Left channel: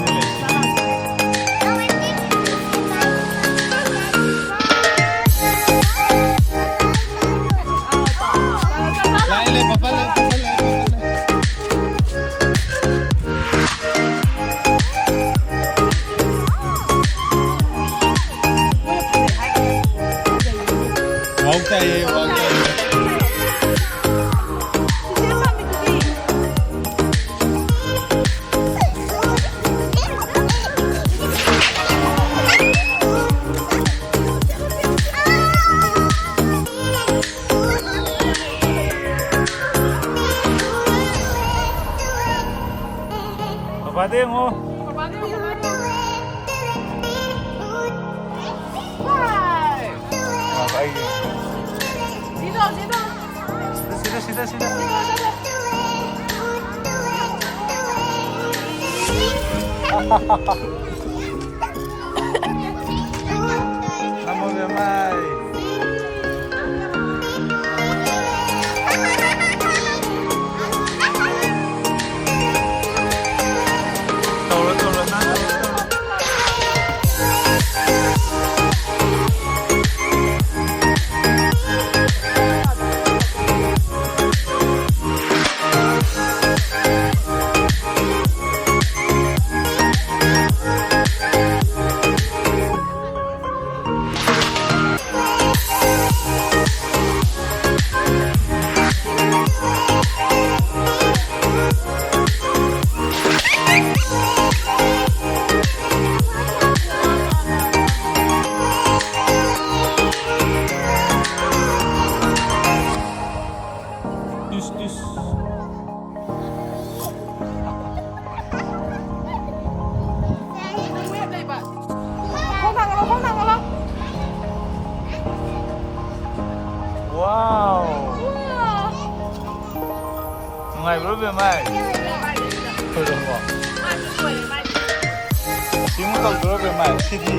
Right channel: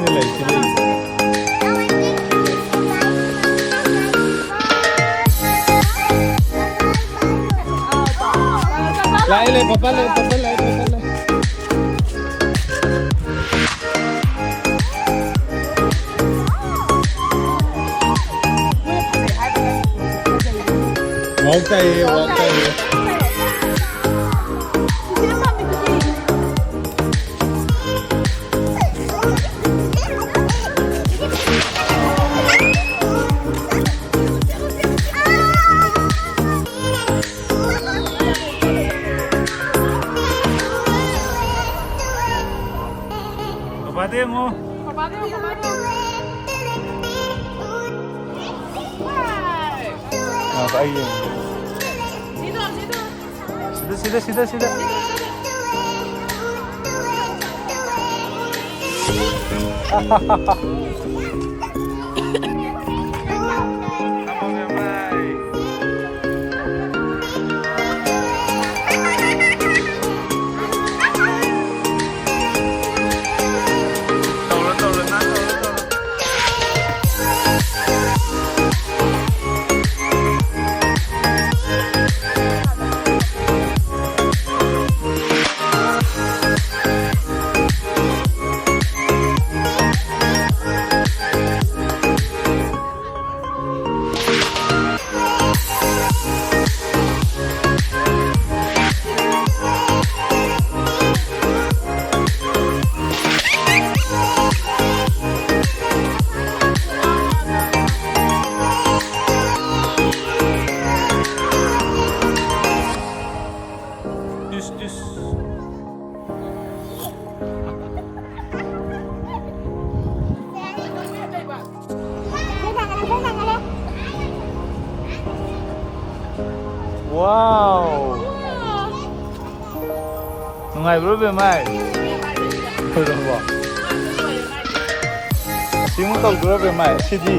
เลยป๊าเลยป๊าเลยมองใจมองใจPademo. Sido, sido. Sido, sido, sido. Vamos, mi mamá. Mai bebe mai. Cinco bebe mai. Sidi.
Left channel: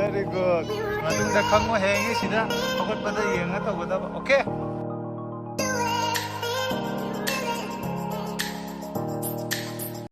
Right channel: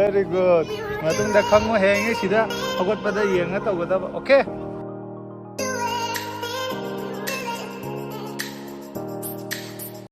Very good. Maganda ka mo hangin sila. Pagod pa na yung nga tawag. Okay.